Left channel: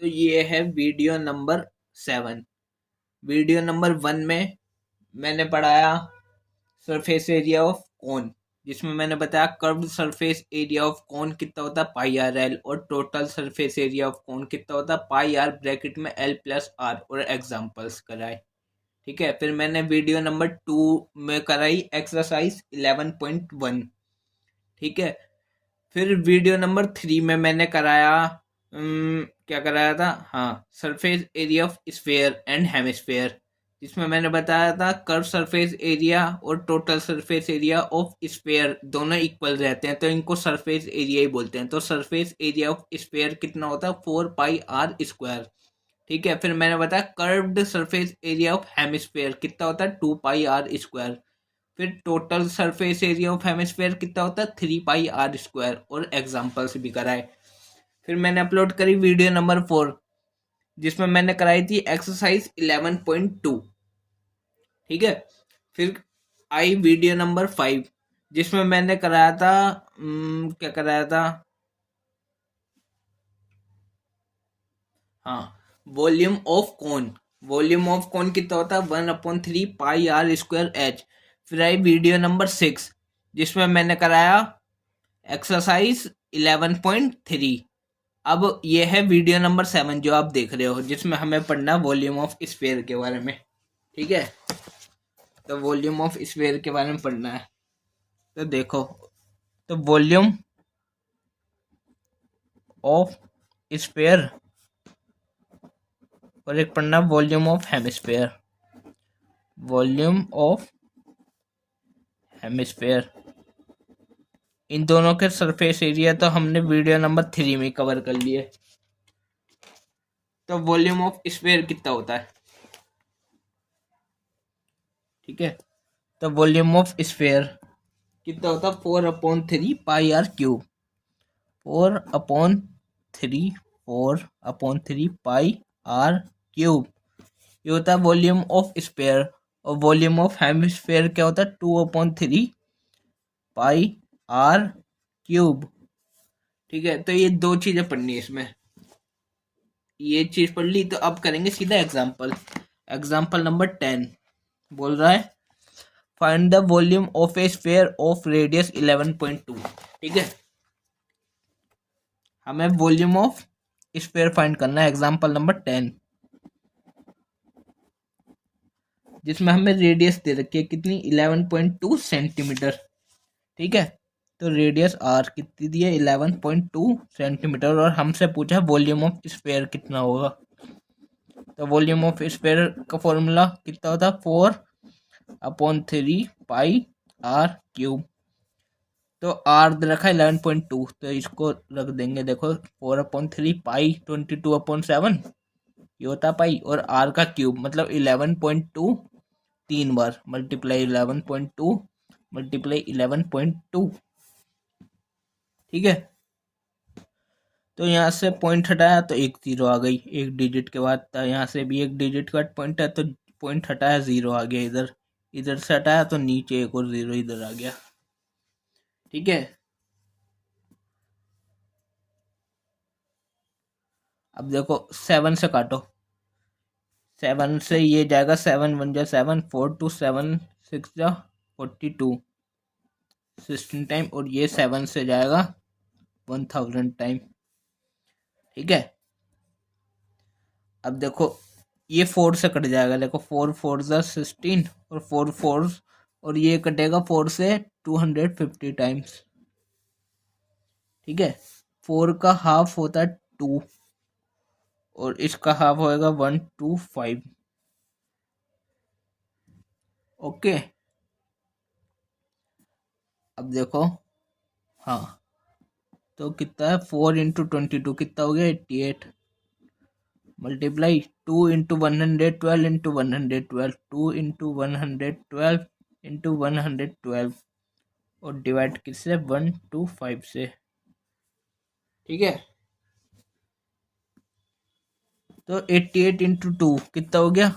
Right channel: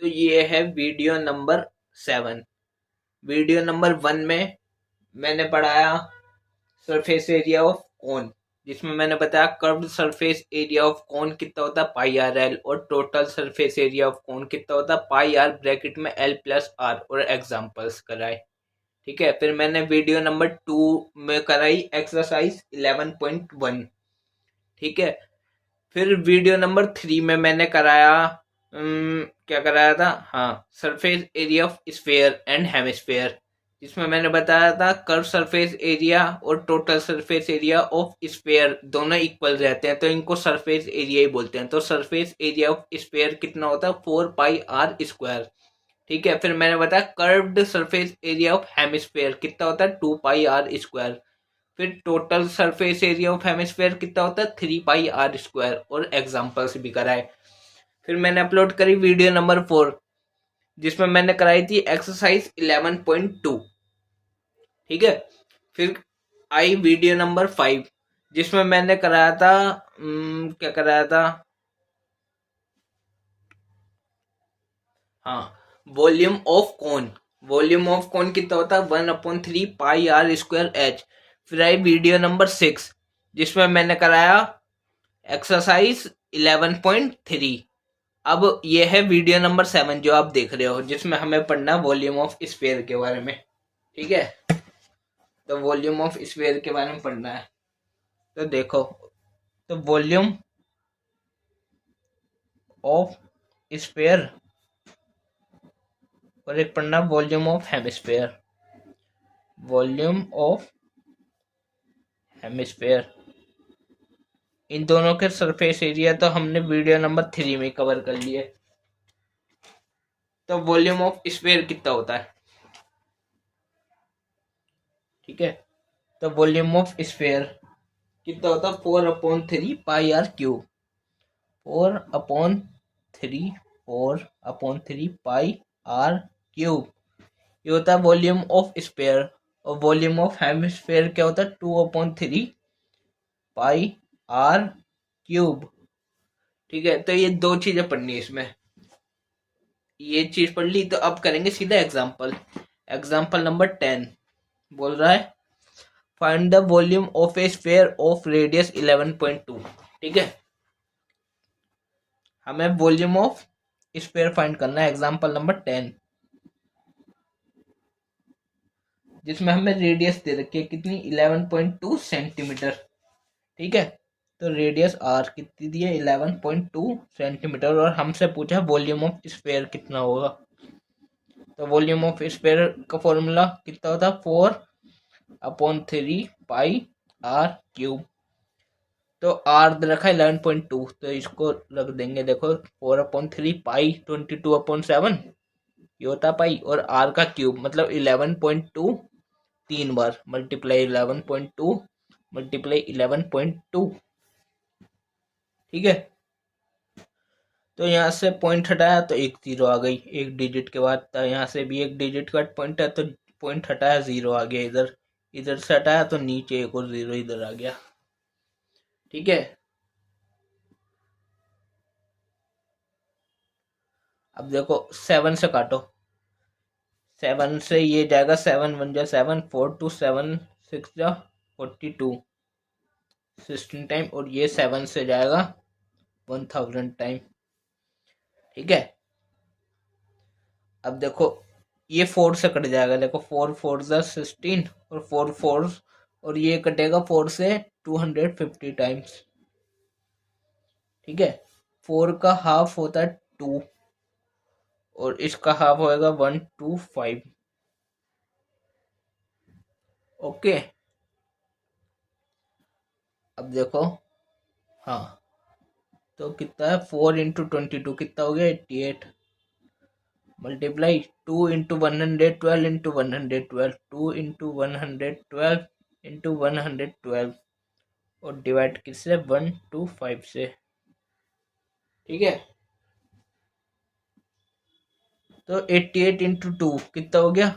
तो ये है वीडियो नंबर 7। वीडियो नंबर 1 में मैंने पढ़ाया सरफेस एरिया ऑफ कोन, जिसमें मैंने बताया curved surface area of cone कितना होता है पाई आर एल, और total surface area of cone कितना होता है पाई आर ब्रैकेट में एल प्लस आर, और एग्जांपल्स कराए। ठीक है, फिर मैंने वीडियो नंबर 2 में कराई एक्सरसाइज 11.1। ठीक है, फिर वीडियो नंबर 3 में मैंने कराया क्या कराया था, हाँ, surface area of sphere and hemisphere, जिसमें मैंने बताया था कर्व सरफेस एरिया और total surface area of sphere दोनों इक्वल रहते हैं, तो इनको सरफेस एरिया ही बोलते हैं। तो सरफेस एरिया ऑफ स्फेयर कितना होता है 4 पाई आर स्क्वायर। ठीक है, फिर मैंने बताया curved surface area of hemisphere कितना होता है 2 पाई आर स्क्वायर। फिर total surface area of hemisphere कितना होता है 3 पाई आर स्क्वायर, और एग्जाम्पल्स भी कराए। फिर मैंने अपलोड करी वीडियो नंबर 4, जिसमें मैंने कराई थी एक्सरसाइज 11.2। ठीक है, फिर आई वीडियो नंबर 5, जिसमें मैंने कराया था क्या कराया था, हाँ, वॉल्यूम ऑफ कौन। वॉल्यूम ऑफ कौन कितना होता है 1/3 पाई आर स्क्वायर एच। फिर आई वीडियो नंबर 6, जिसमें मैंने कराया एक्सरसाइज 11.3। अब ये है वीडियो नंबर 7 जो आप देख रहे हो, जिसमें हमें पढ़ना है वॉल्यूम ऑफ स्फेयर के बारे में। ठीक है, तो वॉल्यूम ऑफ स्फेयर के बारे में पढ़ना है। तो देखो, तो वॉल्यूम ऑफ स्फेयर, और एक पढ़ना volume of hemisphere. Volume of hemisphere, इन दोनों के सरफेस एरिया तो हमने वीडियो नंबर 3 में कवर कर लिए। तो वॉल्यूम ऑफ स्फेयर कितना होता है, ठीक है, तो वॉल्यूम ऑफ स्फेयर कितना होता है 4/3 पाई आर क्यूब। 4/3 ये होता है वॉल्यूम ऑफ स्फेयर। और वॉल्यूम ऑफ हेमिस्फेयर क्या होता है 2/3 पाई आर क्यूब। ठीक है, तो ये दो चीजें पढ़नी है इसमें। ये चीज पढ़ ली, तो अब करेंगे सीधा एग्जाम्पल। एग्जाम्पल नंबर 10 बोल रहा है find the volume of A sphere of radius 11.2। ठीक है, हमें वॉल्यूम ऑफ स्फेयर फाइंड करना है। एग्जाम्पल नंबर 10, जिसमें हमें रेडियस दे रखी है कितनी 11.2 सेंटीमीटर। ठीक है, तो रेडियस आर कितनी दी है 11.2 सेंटीमीटर, और हमसे पूछा वॉल्यूम ऑफ स्फेयर कितना होगा। तो वॉल्यूम ऑफ स्फेयर का फॉर्मूला कितना होता है 4/3 पाई आर क्यूब। तो आर दे रखा है 11.2, तो इसको रख देंगे। देखो 4/3 पाई 22/7 ये होता पाई, और आर का क्यूब मतलब 11.2 तीन बार मल्टीप्लाई 11.2 मल्टीप्लाई 11.2। ठीक है, तो यहाँ से पॉइंट हटाया तो एक जीरो आ गई एक डिजिट के बाद। तो यहाँ से भी एक डिजिट का पॉइंट है, तो पॉइंट हटाया जीरो आ गया इधर। इधर से हटाया तो नीचे एक और जीरो इधर आ गया। ठीक है, अब देखो 7 से काटो। 7 से ये जाएगा 7 1 जा 7, 4 2 7 6 जा 42 16 टाइम, और ये 7 से जाएगा 1000 टाइम। ठीक है, अब देखो ये 4 से कट जाएगा। देखो 4 4 जा 16, और 4 4, और ये कटेगा 4 से 250 टाइम्स। ठीक है, 4 का हाफ होता है 2, और इसका हाफ होएगा 125। ओके, अब देखो, हाँ, तो कितना है 4 × 22 कितना हो गया 88, मल्टीप्लाई 2 × 112 × 112 2 × 112 × 112 और डिवाइड किससे 125 से। ठीक है, तो 88 × 2 कितना हो गया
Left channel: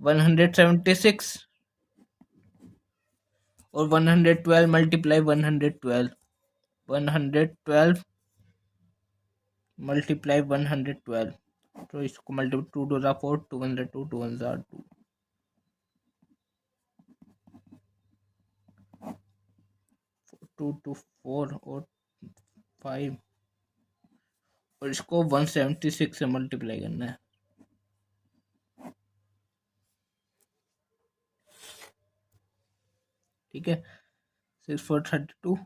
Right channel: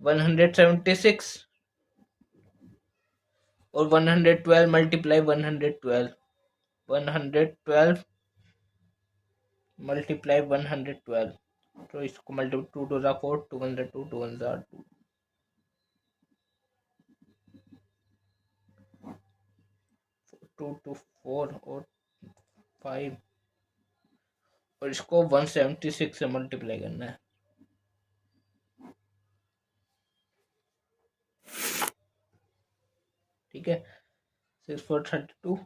176, और 112 मल्टीप्लाई 112 112 मल्टीप्लाई 112, तो इसको मल्टीप्लाई 2 2 4, 2 1 2, 2 1 2, 2 2 4 और 5, और इसको 176 से मल्टीप्लाई करना है। ठीक है, 6 4 32,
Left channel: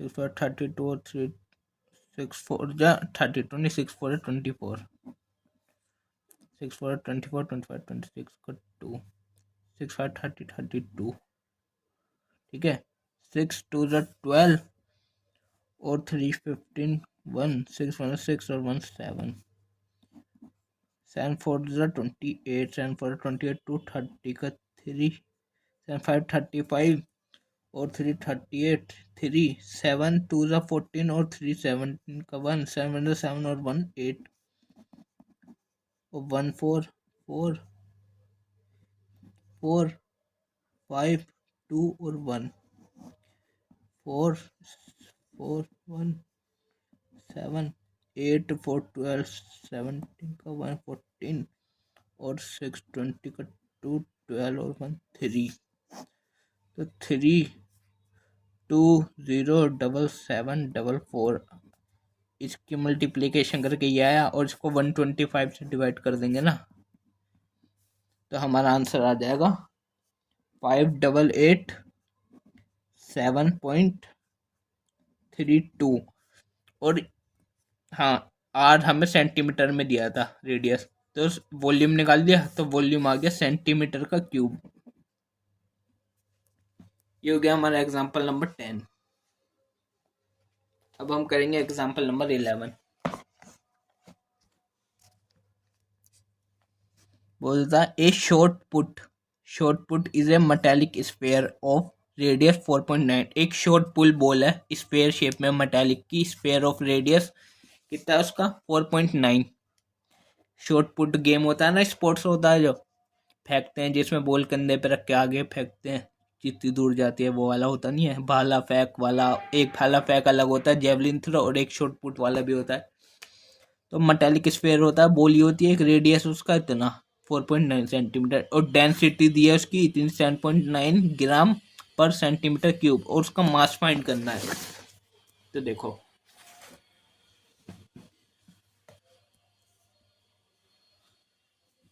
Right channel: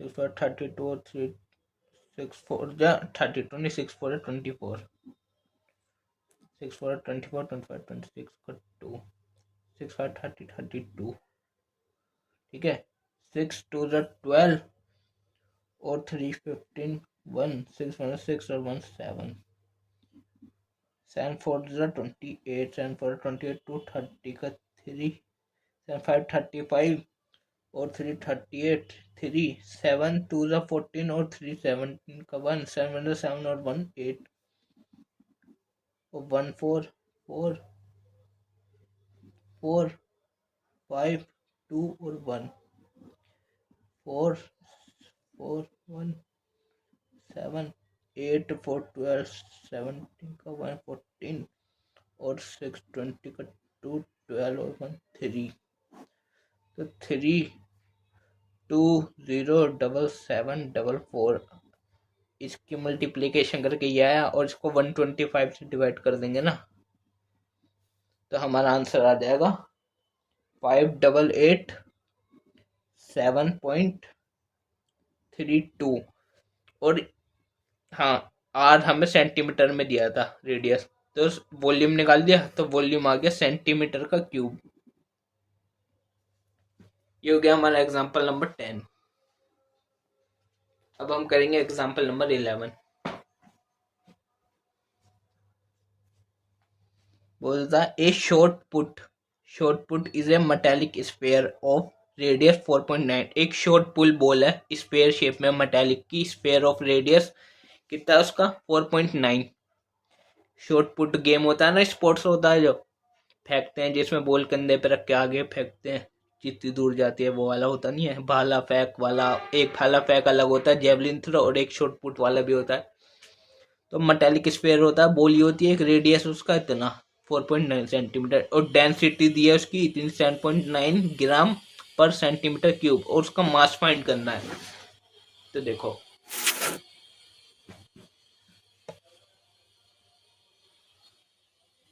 6 4 32 और 3 6 4 जा 32 नहीं, 6 4 24, 6 4 24 25 26 का 2, 6 5 30 32। ठीक है, 6 2 12 और 3 15 1, 6 1 6 और 1 7, 7 4 28, 7 4 28 2 30 का 3, 7 5 35 और 3 38, 3 7 2 14 और 3 17 का 1, 7 7 और 1 8 और 1 4 4 4 5 2 और 1 4 4 1 7 8 4 12 17 का 1 14 और 6 20 का 2 12 और 1 3, तो 3 2 0 7 7 4 4, इसकी मल्टीप्लिकेशन करके ये आया, और इसको 125 से डिवाइड कर देंगे ना, तो हमारा आंसर आ जाएगा 588 7.32। और हाँ, आर हमें सेंटीमीटर में दिया था रेडियस, तो वॉल्यूम निकाल दिया, तो वॉल्यूम आ गया सेंटीमीटर का क्यूब। ये हो गया हमारा एग्जाम्पल नंबर 10। अब हम करेंगे एग्जाम्पल नंबर 11। बोलता है ए short put is a metallic sphere of radius 4.9। एक शॉर्ट पुल बॉल है स्फीयर शेप में, मेटालिक की, स्फीयर ऑफ रेडियस कितना है उसका 4.9। शॉर्ट पुट गेम होता है ना, स्पोर्ट्स होता है जो फेंकते हैं, जिसमें बॉल कंधे पे रख के आगे फेंकते हैं, जितनी दूर जाती है, वो वाला होता नहीं है, भाला फेंक वाला। एक भाला फेंक अलग होता है, जेवलिन थ्रो, और एक शॉर्ट पुट वाला भी होता है। तो मेटालिक स्फीयर होता है, बोली होती है, एक रेडियस उसका इतना 4.9 सेंटीमीटर, और डेंसिटी दी है उसकी इतनी 7.9 ग्राम पर सेंटीमीटर क्यूब, और उसका मास फाइंड करना है। तो देखो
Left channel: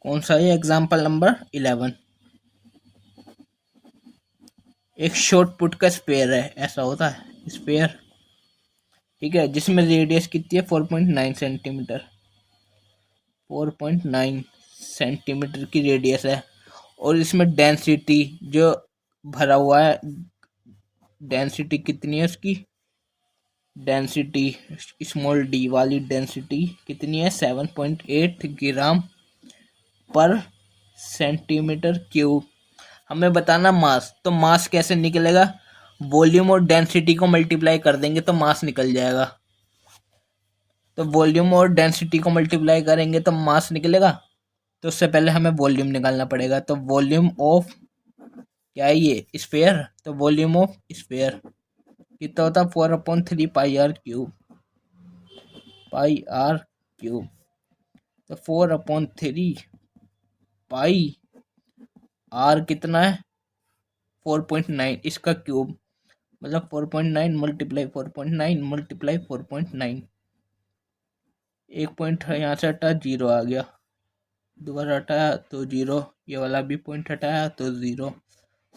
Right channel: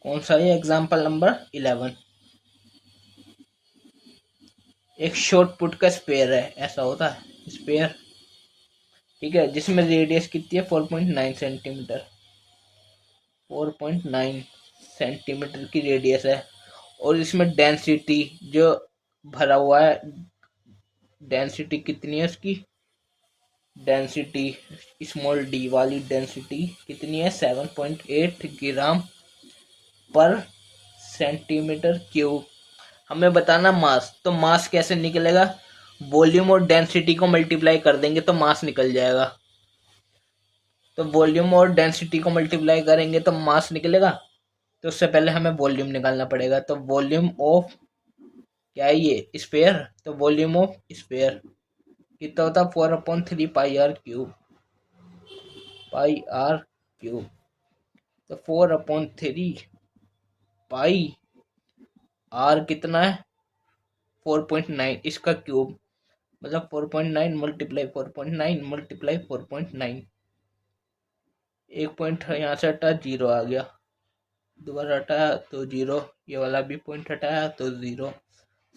कौन सा है एग्जाम्पल नंबर 11। एक शॉर्ट पुट का स्पेयर है, ऐसा होता है स्पेयर, ठीक है, जिसमें रेडियस कितनी है 4.9 सेंटीमीटर, 4.9 सेंटीमीटर की रेडियस है, और इसमें डेंसिटी जो भरा हुआ है, डेंसिटी कितनी है उसकी, डेंसिटी स्मॉल डी वाली डेंसिटी कितनी है 7.8 ग्राम पर सेंटीमीटर क्यूब। हमें बताना मास, तो मास कैसे निकलेगा, वॉल्यूम और डेंसिटी को मल्टीप्लाई कर देंगे तो मास निकल जाएगा। तो वॉल्यूम और डेंसिटी को मल्टीप्लाई करेंगे तो मास निकलेगा, तो उससे पहले हमें वॉल्यूम निकालना पड़ेगा। तो वॉल्यूम ऑफ क्या है ये स्फीयर, तो वॉल्यूम ऑफ स्फीयर कितना होता है 4/3 पाई आर क्यूब, तो 4/3 पाई आर कितना है 4.9, इसका क्यूब, मतलब 4.9 मल्टीप्लाई 4.9 मल्टीप्लाई 4.9। एक पॉइंट यहाँ से हटा, जीरो आ गया, दोबारा हटाया तो जीरो, ये वाला भी पॉइंट हटाया तो जीरो,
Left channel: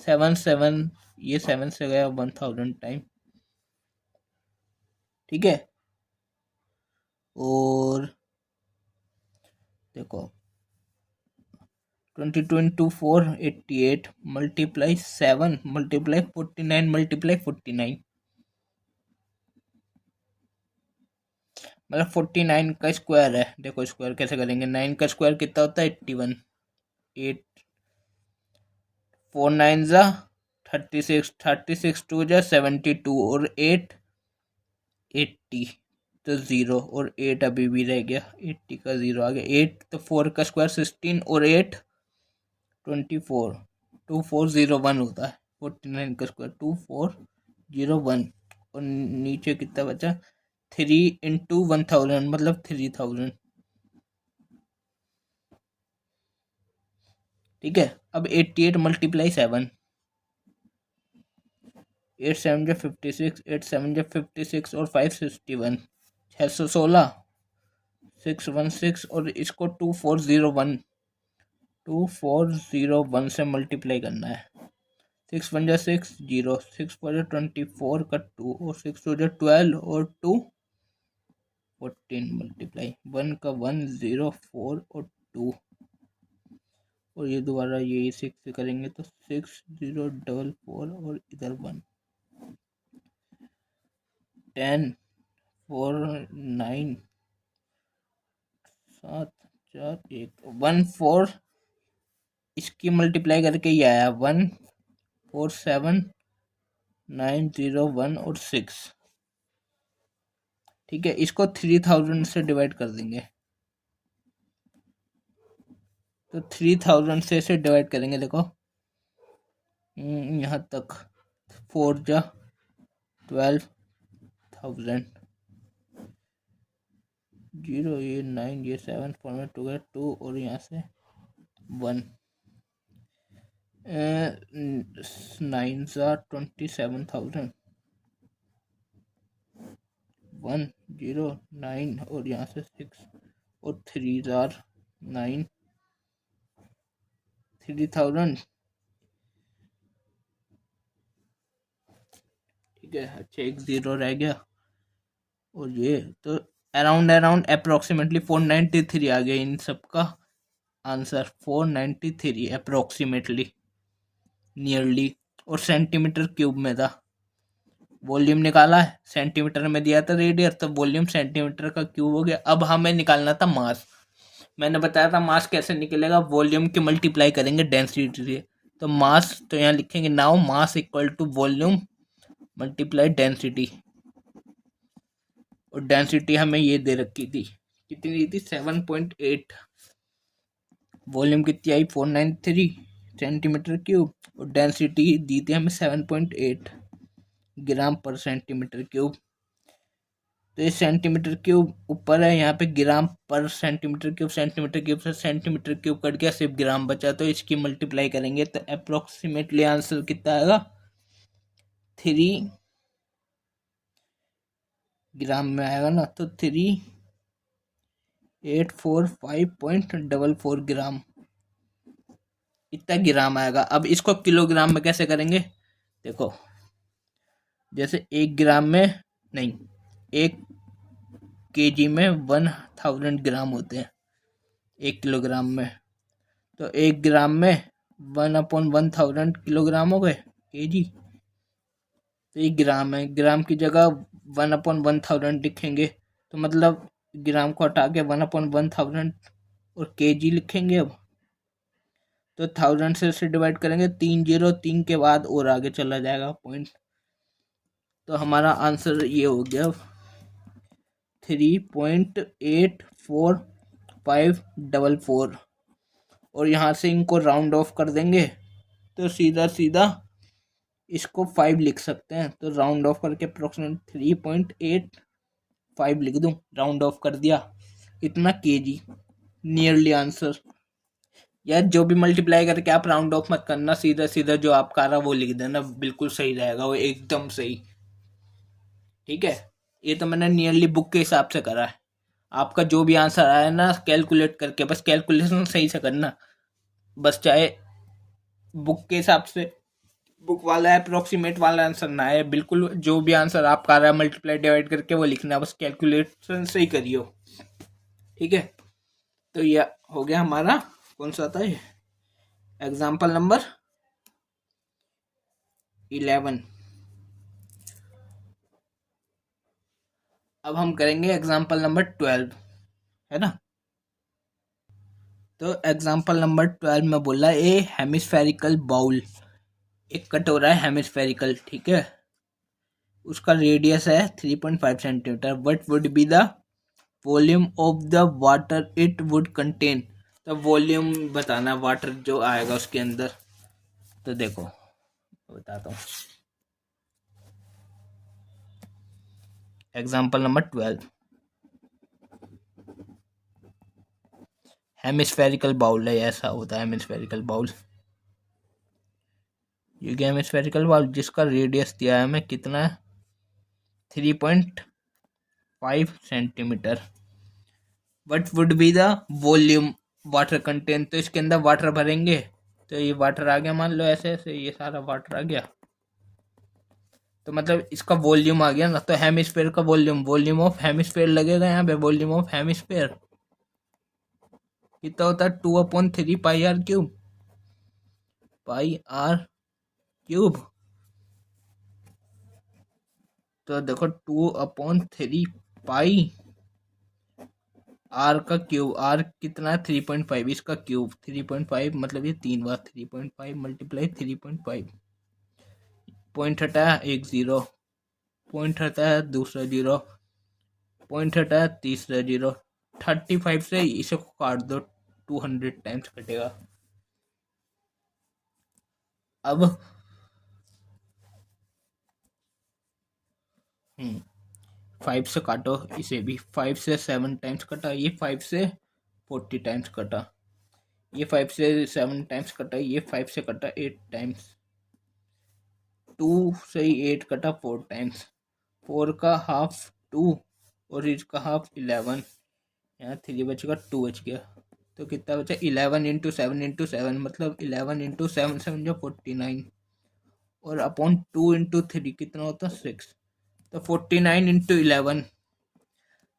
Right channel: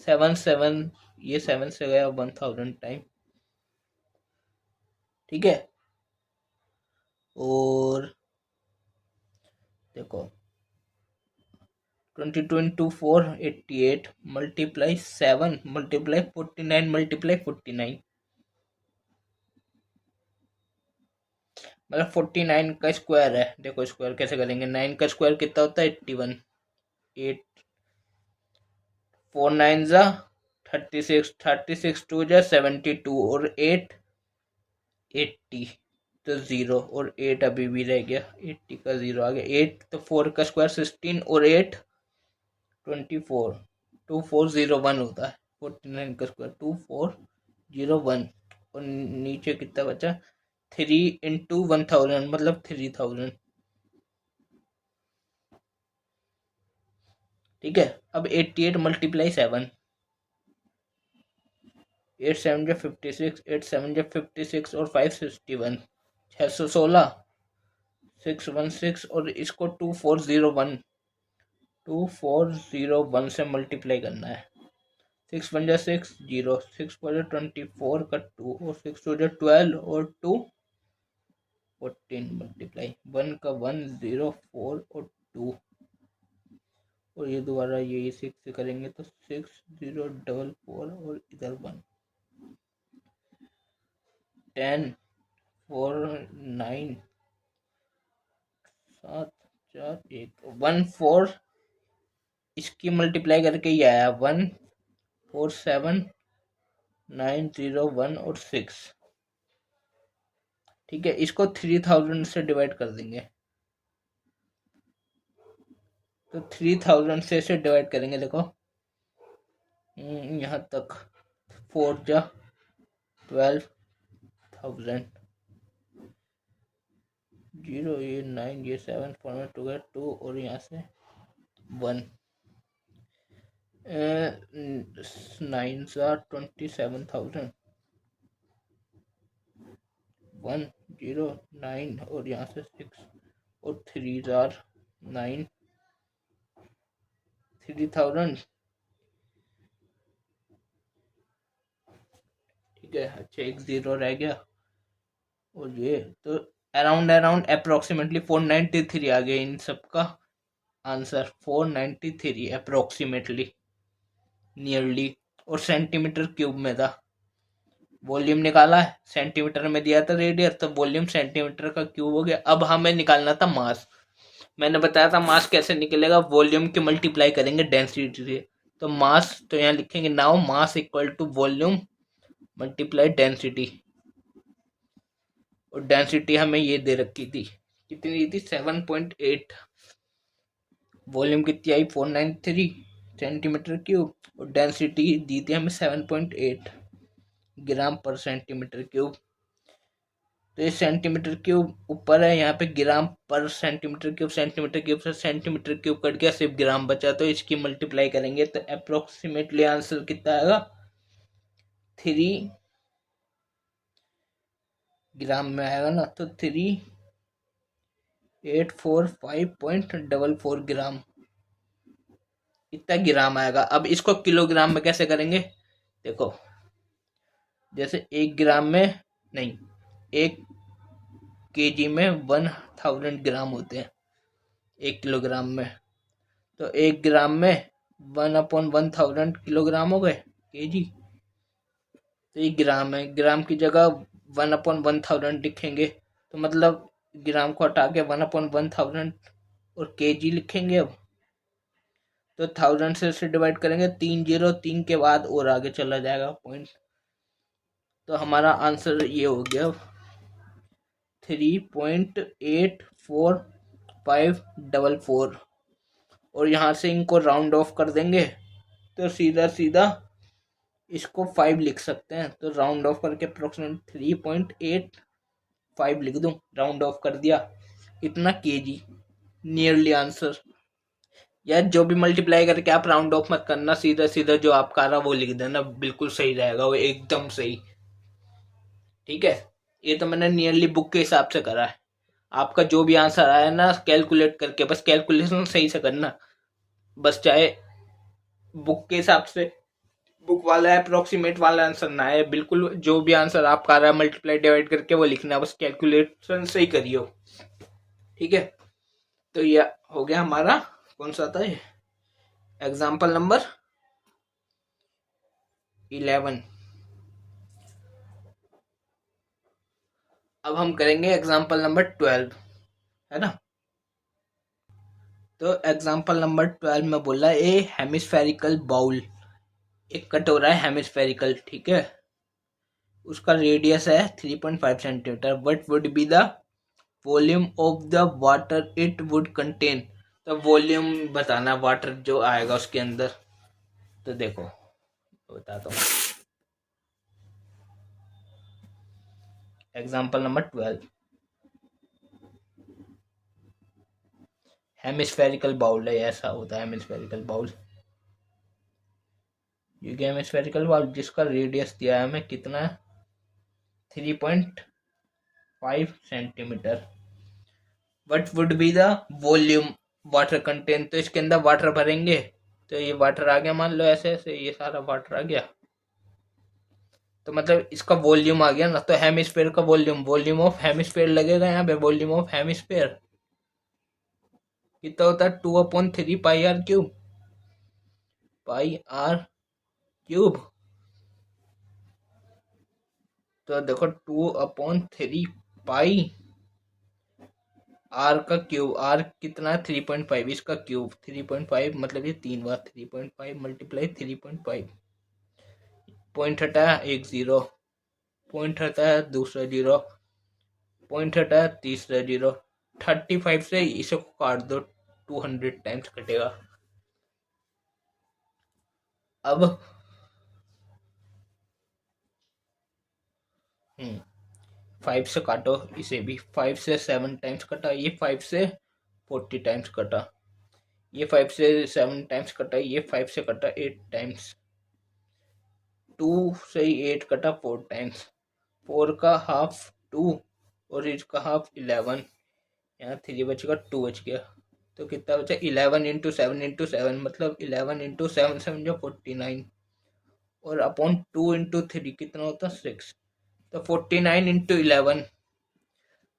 7 7, ये 7 से गया 1000 टाइम। ठीक है, और देखो 22 into 4 88 मल्टीप्लाई 7 मल्टीप्लाई 49 मल्टीप्लाई 49, मतलब 49 का स्क्वायर है। देखो स्क्वायर कैसे करेंगे, 9 का स्क्वायर कितना होता है 81, 8 4 9 जा 36, 36 2 जा 72, और 8 80, तो जीरो, और 8 अभी भी रह गया, 80 का जीरो आ गया, 8 तो 4 का स्क्वायर 16, और 8 24, 2401 होता है, 49 का स्क्वायर 2401, और नीचे कितना बचा 3 इंटू 1000 मतलब 3000। ठीक है, अब 88 मल्टीप्लाई 7, 8 7 जो 56, 8 7 जो 56 और 5 61, 616, 616 और इसको 2401 से मल्टीप्लाई करना है। 6 1 जा 6 0, 6 4 जा 24 का 2 और 6 2 जा 12 और 2 14 मल्टीप्लाई 1 का 1 0 4 और 2 और ये दोबारा यही 6 से करेंगे तो 6 0 4 4 और इधर 1 10 4 9 7 4 1 1 4 इसकी मल्टीप्लाई करके ये आया 1 4 7 9 0 1 और 6। ठीक है, इसको 3000 से डिवाइड कर देंगे तो 3000 से इसे डिवाइड करेंगे। देखो यहाँ तक 4 जा 12,000, 0 ये 9 ये 7 4 में 2 है 2 और यहाँ से 1 9 जा 27,000, 1 0 9 और यहाँ से 6 और 3 जार 9 3000। ठीक है, अच्छा एक 0 रह गया और ये तो अराउंड अप्रोक्सीमेटली 493 आ गया इन सब का आंसर। 493 approximately, nearly. और सेंटीमीटर क्यूब में था, वॉल्यूम निकाला है सेंटीमीटर में दिया था रेडियस, तो वॉल्यूम सेंटीमीटर का क्यूब हो गया। अब हमें निकालना था मास। मैंने बताया था मास कैसे निकलेगा, वॉल्यूम की मल्टीप्लाई करेंगे डेंसिटी से। तो मास तो यहाँ लिखेंगे now mass equal to volume multiply density. और डेंसिटी हमें ये दे रखी थी, कितनी दी थी 7.8। वॉल्यूम कितनी आई 493 सेंटीमीटर क्यूब और डेंसिटी दी थी हमें 7.8 ग्राम पर सेंटीमीटर क्यूब। तो ये सेंटीमीटर क्यूब ऊपर है, यहाँ पे ग्राम पर सेंटीमीटर क्यूब, सेंटीमीटर क्यूब से सेंटीमीटर क्यूब कट गया, सिर्फ ग्राम बचा। तो इसकी मल्टीप्लाई करेंगे तो अप्रोक्सीमेटली आंसर कितना आएगा 3 ग्राम में आएगा ना, तो 3845.44 ग्राम, इतना ग्राम आएगा। अब इसको किलोग्राम में कैसे करेंगे, देखो जैसे 1 ग्राम में नहीं, 1 केजी में 1000 ग्राम होते हैं 1 किलोग्राम में। तो 1 ग्राम में 1/1000 किलोग्राम हो गए केजी। तो ये ग्राम है, ग्राम की जगह 1/1000 लिखेंगे। तो मतलब ग्राम को हटा के 1/1000 और केजी लिखेंगे। अब तो 1000 से इसे डिवाइड करेंगे, 3 0 3 के बाद और आगे चला जाएगा पॉइंट। तो हमारा आंसर ये हो गया 3.844544। और यहाँ से इनको राउंड ऑफ कर देंगे तो सीधा सीधा इसको 5 लिख सकते हैं। तो राउंड ऑफ करके अप्रोक्सीमेट 3.85 लिख दूं, राउंड ऑफ कर दिया, इतना केजी नियरली आंसर। यार जो भी मल्टीप्लाई करके आप राउंड ऑफ मत करना, सीधा सीधा जो आपका आ रहा वो लिख देना, बिल्कुल सही रहेगा वो, एकदम सही। ठीक है, ये तो मैंने नियरली बुक के हिसाब से करा है। आपका जो भी आंसर आया ना कैलकुलेट करके, बस कैलकुलेशन सही से करना, बस चाहे बुक के हिसाब से बुक वाला अप्रोक्सीमेट वाला आंसर ना है, बिल्कुल जो भी आंसर आपका आ रहा है मल्टीप्लाई डिवाइड करके वो लिखना, बस कैलकुलेशन सही करियो। ठीक है, तो ये हो गया हमारा, कौन सा था ये, एग्जाम्पल नंबर 11। अब हम करेंगे एग्जाम्पल नंबर 12, है ना। तो एग्जाम्पल नंबर 12 में बोला ए हेमिस्फेरिकल बाउल, एक कटोरा है हेमिस्फेरिकल, ठीक है, उसका रेडियस है 3.5 centimetre. What would be the volume of the water it would contain. तो वॉल्यूम बताना वाटर जो आएगा उसके अंदर। तो देखो बताता हूँ, एग्जाम्पल नंबर 12, हेमिस्फेरिकल बाउल है, ऐसा होता है हेमिस्फेरिकल बाउल। ये क्या हेमिस्फेरिकल बाउल जिसका रेडियस दिया है हमें कितना है 3.5 centimetre. What would be the volume water contain, तो इसके अंदर वाटर भरेंगे तो ये वाटर आ गया, मान लो ऐसे ऐसे ये सारा वाटर आ गया, तो मतलब इसका वॉल्यूम आ गया ना। तो हेमिस्फेयर का वॉल्यूम, वॉल्यूम ऑफ हेमिस्फेयर लगेगा यहाँ पे, वॉल्यूम ऑफ हेमिस्फेयर कितना होता है 2/3 pi r cube, pi r cube. तो देखो 2/3 पाई आर का क्यूब, आर कितना है 3.5, इसका क्यूब 3.5 मतलब ये 3 बार 3.5 मल्टीप्लाई 3.5, पॉइंट हटाया एक जीरो, पॉइंट हटाया दूसरा जीरो, पॉइंट हटाया तीसरा जीरो, 35 से इसे काट दो 200 टाइम्स कटेगा। अब 5 से काटो इसे भी, 5 से 7 टाइम्स कटा, ये 5 से 40 टाइम्स कटा, ये 5 से 7 टाइम्स कटा, ये 5 से कटा 8 टाइम्स, 2 से 8 कटा 4 टाइम्स, 4 का हाफ 2 और इसका हाफ 11, यहाँ 3 बचेगा 2 बच गया, तो कितना बचा 11 इंटू सेवन मतलब 11 इंटू 7 जो 49 और अपॉन 2 इंटू 3 कितना होता 6, तो 49 इंटू 11।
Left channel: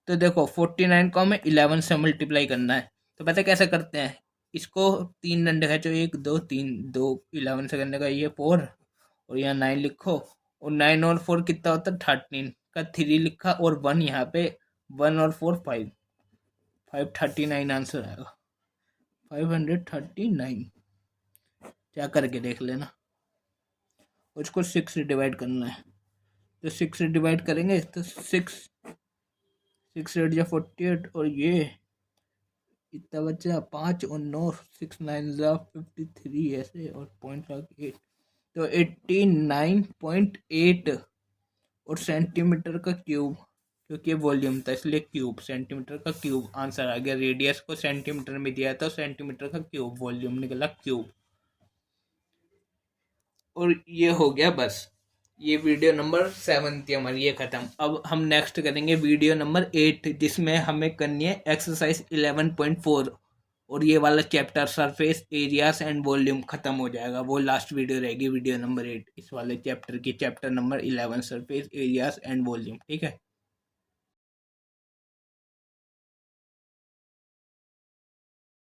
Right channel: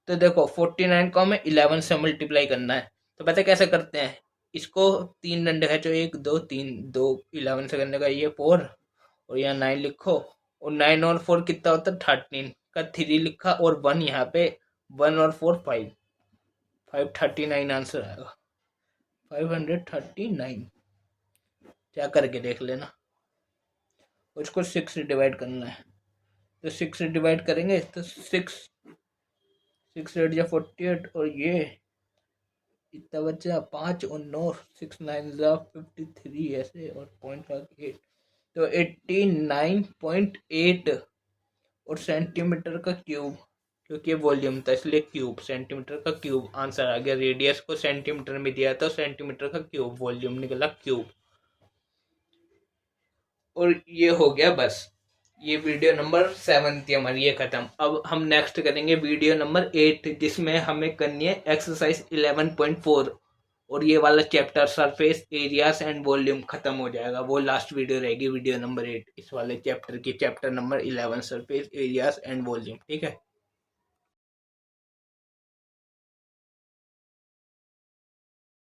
तो देखो 49 को हमें 11 से मल्टीप्लाई करना है, तो पता कैसे करते हैं, इसको 3 डंडे खींचो 1 2 3, 2 11 से करने का ये 4 और यहाँ 9 लिखो, और 9 और 4 कितना होता है 13 का 3 लिखा और 1 यहाँ पे, 1 और 4 5, 539 आंसर आएगा 539। क्या करके देख लेना, उसको 6 से डिवाइड करना है, तो 6 से डिवाइड करेंगे तो 6 8 या 48 और ये इतना बचा 5 और 9 6 9 जा 53 ऐसे और पॉइंट 8, तो 89.8 और सेंटीमीटर का क्यूब, क्योंकि वॉल्यूम था इसलिए क्यूब, सेंटीमीटर का क्यूब आंसर आ गया। रेडियस को सेंटीमीटर में दिया तो सेंटीमीटर का क्यूब, वॉल्यूम निकला क्यूब। और ये हो गया बस, ये वीडियो नंबर 7 थी हमारी, ये खत्म। अब हम नेक्स्ट करेंगे वीडियो नंबर 8 जिसमें हमें करनी है एक्सरसाइज 11.4 और ये वाला chapter surface areas and volume खत्म हो जाएगा, वो लास्ट वीडियो रहेगी वीडियो नंबर 8 इस वाले चैप्टर की, chapter number 11 surface areas and volume. ठीक है।